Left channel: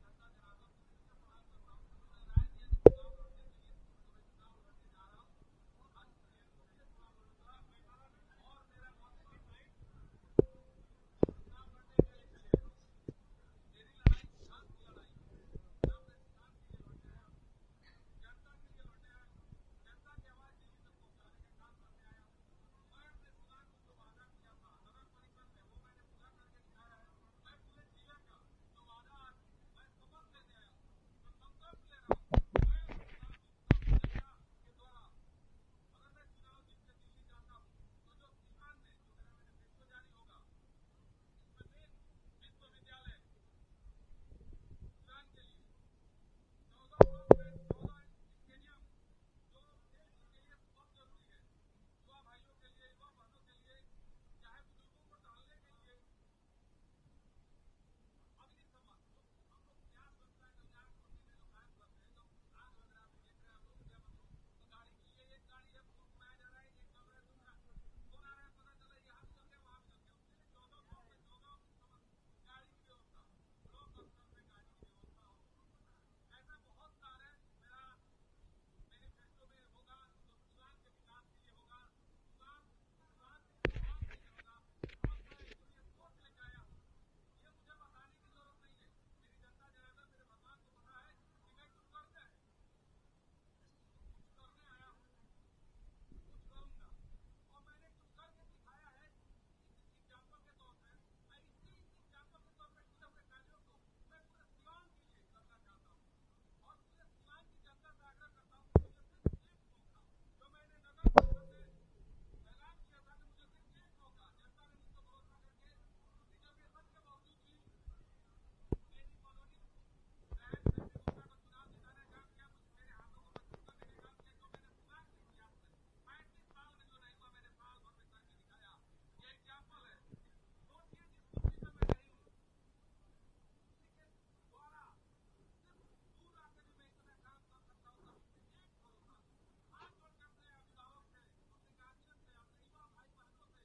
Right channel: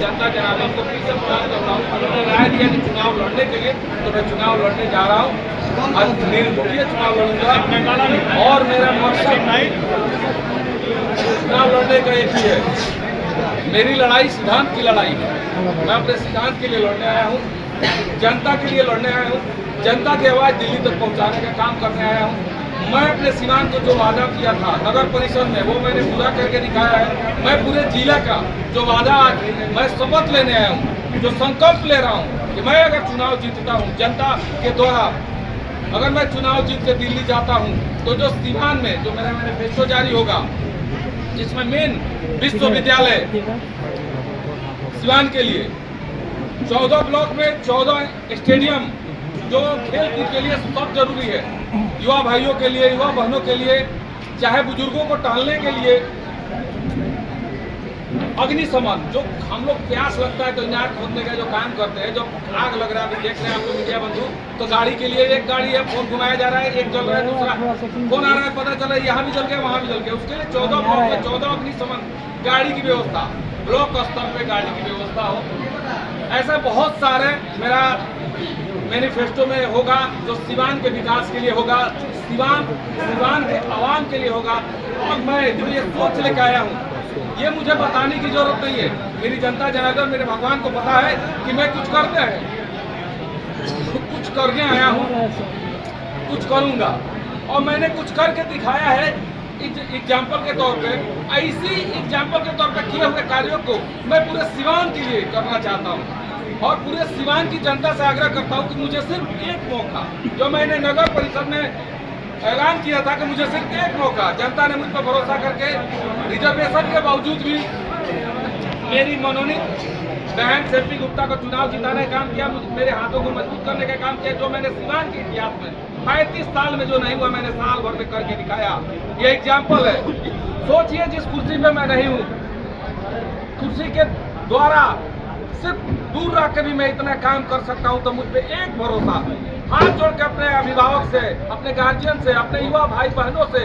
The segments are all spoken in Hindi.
जनता जनार्दन को फिर से प्रयास करता हूँ। उन्होंने राय दिया कि चुनाव लड़ने के लिए, तो मैं चुनाव लड़ने जा रहा हूँ। आज निर्दलीय चुनाव लड़ूंगा और मेरा मकसद चुनाव लड़ने का एक ही है। मेरी लड़ाई सिद्धांत की लड़ाई है। मैं अपने सिद्धांत के लिए लड़ने आया हूँ, जनता के लिए लड़ने आया हूँ, जनता की आवाज़ दिल्ली तक पहुँचाने का काम करने आया हूँ। मैं अपने सीमान को जो वादा किया था नगर परिषद में, वो मैंने पूरा करके दिखाया है। मैं पूरे जिला का जो वादा आज मैं शपथ लेने आया हूँ, जो संकल्प ले रहा हूँ कि मैं अगर चुनाव जीतता हूँ जनता के द्वारा, अगर मैं चुनाव जीत के दिल्ली जाता हूँ, तो जो सीमान में जो मेरा मैनिफेस्टो जारी होगा, जिसमें मेन विश्वविद्यालय सीवान के लिए 14 ब्लॉक में 14 स्टेडियम जो खेल कूद के लिए सब जरूरी है, युवा भाइयों के लिए, युवा बहनों के लिए, चाहे बुजुर्गों को टहलने के लिए, अग्निशमन जो हम लोग प्यास लगता है तो इनार खोदने का जो काम करते हैं, जो आग लग रहा है, अभी देख रहे हैं आप लोग मीडिया बंधु, तो गाड़ी के लिए एक गाड़ी है, फोन घुमाया जा रहा है, एक जल रहा है, दूसरा फोन आ रहा है, पता चला यहाँ भी जल गया वहाँ भी जल गया। उसके लिए 14 ब्लॉक में 14 अग्निशमन गाड़ी की व्यवस्था, ब्लॉक स्तर पे गाड़ी की व्यवस्था हो। ऐसा बहुत सारे मेरा मैनिफेस्टो में होगा जो सीवान के विकास के लिए होगा, सीवान के आवाम के लिए होगा। और मैं जो ये सोच लेकर आया हूँ, ये मुझे बताने की जरूरत नहीं है। मेरी जनता जनार्दन, मेरे भगवान को पता है कि मैं कुछ करने आया हूँ, कुछ करूँगा और मैंने कुछ करके दिखाया है। एग्जाम्पल के तौर पे, ऐसी एग्जाम्पल के तौर पे किए हुए कार्यों को मैं पूरे सीवान के लिए करना चाहता हूँ और पूरे सीवान की जनता से आग्रह करता हूँ कि मुझे सिर्फ एक मौका, जो मैंने नगर परिषद में ऐलान किया था कि मुझे सिर्फ एक मौका, जनता ने मुझ पर भरोसा करके रिजर्वेशन के बावजूद भी मेरी मनोनीत बहन सेल्फी गुप्ता को चुनाव जिताने का काम किया, मेरे हाथों को मजबूत करने का काम किया। जो मैंने सीवान के इतिहास में 35 साल में जो नहीं हुआ, मैंने साल भर में करके दिखाया। ये एग्जाम्पल है। सोचिए जिस कुर्सी पे मैं नहीं हूँ, कुर्सी के द्वारा सिर्फ दूर रह के भी मैं इतना काम कर सकता हूँ, तो मुझ पे एक भरोसा, हाथ जोड़ के अपने अभिभावक से, अपने गार्जियन से, अपने युवा भाई बहनों से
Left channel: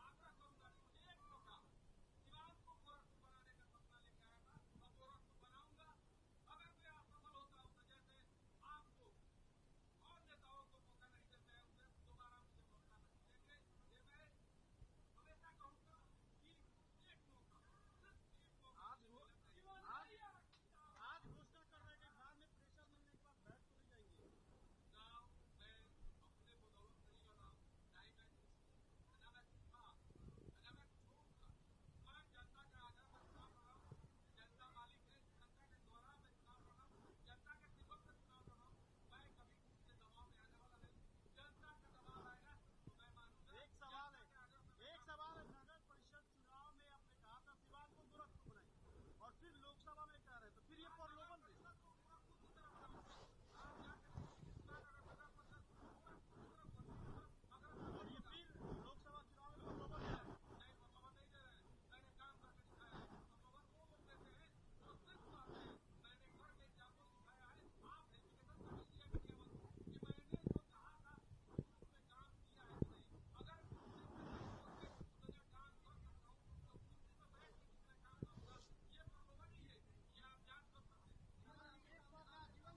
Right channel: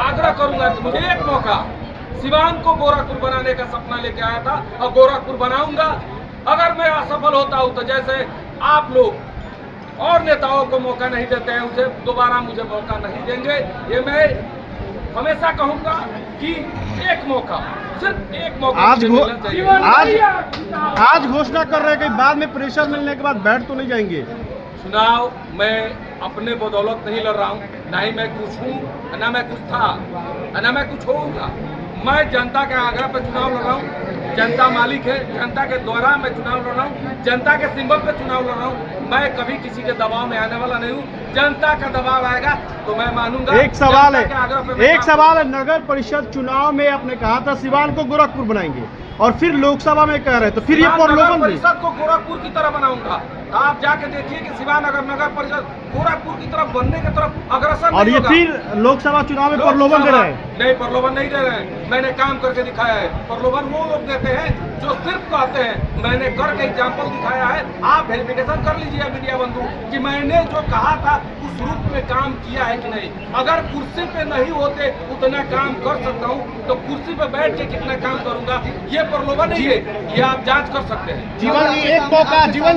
आग्रह करूंगा कि मुझे एक मौका, सीवान को गोरखपुर बनाने का सपना लेके आया था और गोरखपुर बनाऊंगा। अगर मैं असफल होता हूँ तो जैसे आप लोग और नेताओं को मौका नहीं देते हैं, उसे दोबारा मुझे मौका नहीं देंगे। ये मैं हमेशा कहूंगा कि एक मौका, सिर्फ एक मौका आज घोषणा कर रहे हैं कि बाद में प्रेशर मिलने के बाद बैठ तो नहीं जाएंगे। चुनाव मैं अपने बदौलत नहीं लड़ रहा हूँ, ना ही मैं कुछ हूँ, ना मैं कुछ था, ना मैं कुछ होऊंगा। मैं जनता के आग्रह पर चुनाव लड़ रहा हूँ। जनता मालिक है, जनता के द्वारा मैं चुनाव लड़ रहा हूँ, जनता के सिंबल पे चुनाव लड़ रहा हूँ। मैं कभी किसी के दबाव में आने वाला नहीं हूँ। जनता का दबाव आएगा तो मैं मानूंगा। एक सवाल है, नगर परिषद चुनाव में आपने कहा था सीवान को गोरखपुर बनाएंगे और फिर लोकसभा में कह रहे हैं, तो फिर ये प्रलोभन परिषद को गोरखपुर की तरह बनाऊंगा। आप जाके देखिए कि सीवान अगर नगर परिषद गोरखपुर की तरफ बनने की तरफ अग्रसर और ये फिर लोकसभा चुनाव में प्रलोभन दे रहे हैं। नहीं, प्रलोभन नहीं दे रहे हैं, मैंने काम करके दिखाया है। प्रलोभन वो लोग देते हैं जो सिर्फ कहते हैं, मैंने करके एग्जाम्पल दिखाया है। आप वेरिफिकेशन कर लीजिए मीडिया बंधु कि मैंने जो कहा था उस रूप में काम किया है कि नहीं। अगर कुर्सी पे नहीं होते उतना काम कर सकता हूँ, तो कुर्सी पे बैठ के कितना काम करूंगा, ये प्रलोभन नहीं है, ये आप जांच कर सकते हैं। जीवन जी एक मौका, जीवन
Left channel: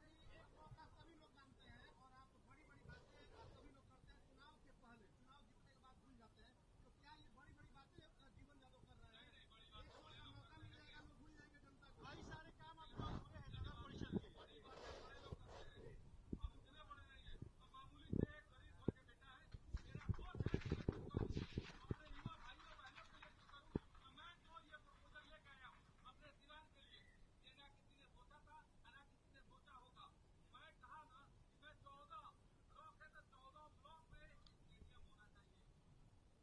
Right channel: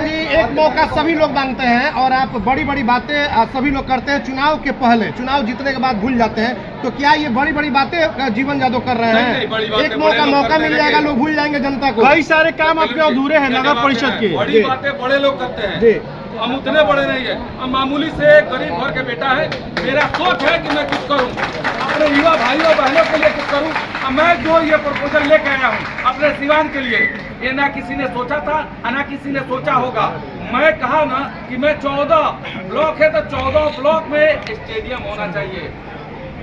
जी एक मौका सभी लोग मांगते हैं और आप बड़ी बड़ी बातें सभी लोग करते हैं चुनाव के पहले, चुनाव जीतने के बाद भूल जाते हैं। तो क्या ये बड़ी बड़ी बातें जीवन यादव कर रहे हैं? एक मौका मिल जाएगा, लोग भूल जाएंगे जनता को। कई सारे काम आपके अधूरे हैं नगर परिषद के। बड़ी बातें बड़े लोग करते हैं, हम उतने बड़े नहीं है। हम मामूली से गरीब घर के बेटा है। मेरा सोच है कि मैं कुछ करूं, अपने युवा भाइयों बहनों के लिए कुछ करूं। मैं जो ये प्रपोजल लेके आया हूं अपने सीवान के लिए, ये ना किसी ने सोचा था, ना किसी ने सोचा होगा। मैं कहा ना कि मैं 14 ब्लॉक है तो 14 ब्लॉक में स्टेडियम होना चाहिए,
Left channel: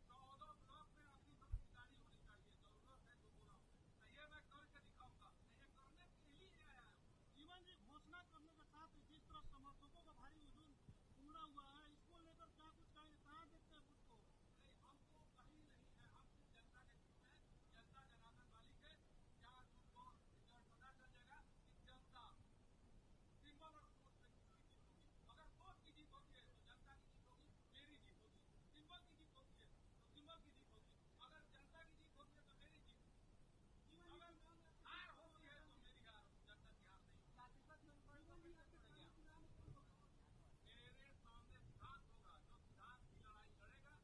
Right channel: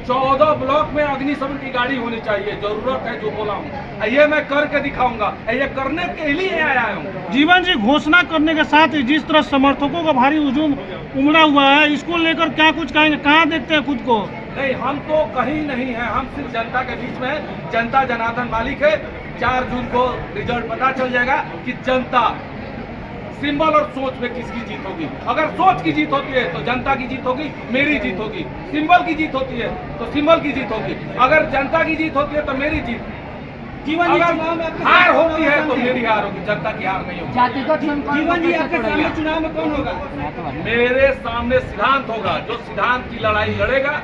14 ब्लॉक में अग्निशमन की गाड़ी होनी चाहिए। जरूरत है जो बोला हूँ, ये मैं करके दिखाऊंगा। ये करने के लिए आया हूँ। जीवन जी घोषणा करने के साथ ही जिस तरह समर्थकों का भारी हुजूम उमड़ा हुआ है, इसको लेकर क्या कुछ कहेंगे? कहाँ देखते हैं खुद को? नहीं, हम तो कहीं नहीं है, हम सिर्फ जनता के बीच में है। जनता जनार्दन मालिक है। 4 जून को रिजल्ट पता चल जाएगा कि जनता सिंबल और सोच में किसकी जीत होगी। अगर सोच की जीत होती है तो जनता की जीत होगी, मेरी जीत होगी। सिंबल की जीत होती है तो सिंबल की जीत होगी। अगर जनता की जीत होती है तो मेरी जीत। जीवन जी, अगर चुनाव में आपके हार सामने होती है तो कौन है? मेरी हार होगी, जनता की हार नहीं होगी। जातिगत जीवन जी, आपके सामने चुनाव में कौन होगा? मेरे सामने सिद्धांत होगा। जो सिद्धांत की लड़ाई लड़ेगा,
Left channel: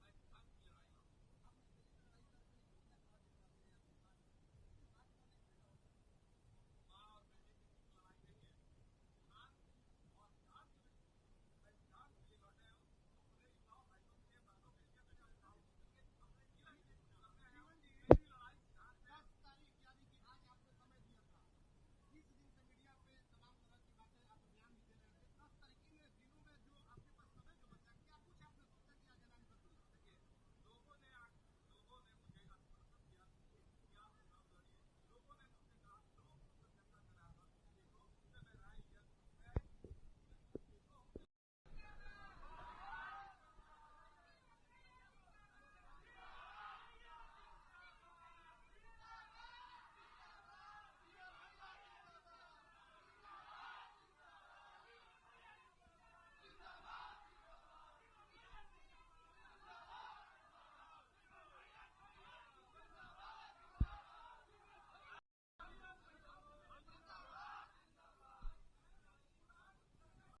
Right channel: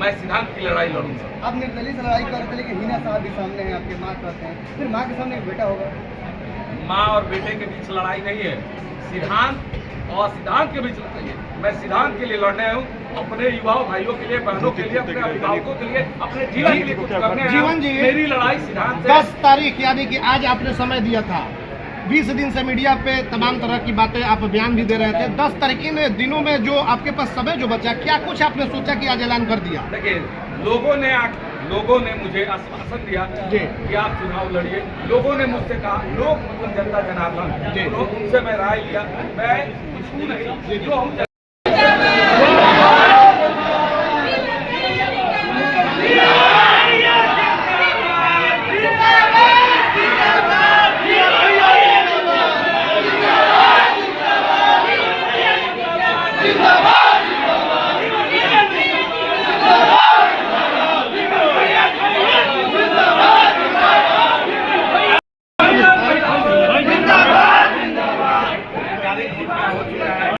मैं सिद्धांत की लड़ाई लड़ूंगा। आप निर्दलीय से लड़ाई कर रहे थे, लेकिन हिना साहब भी सामने हैं, आपके माँ कहते हैं, फिर माँ के सामने एक बेटा होगा। माँ और बेटे के बीच लड़ाई नहीं है, सिद्धांत और सिद्धांत के बीच लड़ाई है। मैं सिद्धांत के लिए लड़ने आया हूँ, अपने युवाओं भाइयों के लिए, बहनों के लिए, अपने अभिभावकों के लिए, अपने जीवन के लिए कुछ करने आया हूँ। जीवन जी, मेरी लड़ाई सिद्धांत से। 10 तारीख यानी कि आज आपने समय दिया था, 20 दिन से मीडिया पे तमाम तरह की बातें आप बयान भी दे रहे थे। 10 तारीख इन दिनों में जो आपके पास समय जो बचा, क्या कुछ आपने सोचा कि आज ऐलान कर दिया? देखिए, लोगों ने मुझे आश्वासन दिया जी। कि आप चुनाव लड़िए। लोगों ने मुझसे कहा, लोग मतलब जनता जनार्दन, जी। उनसे मैं राय लिया। मैं कुछ हूँ नहीं, जो हूँ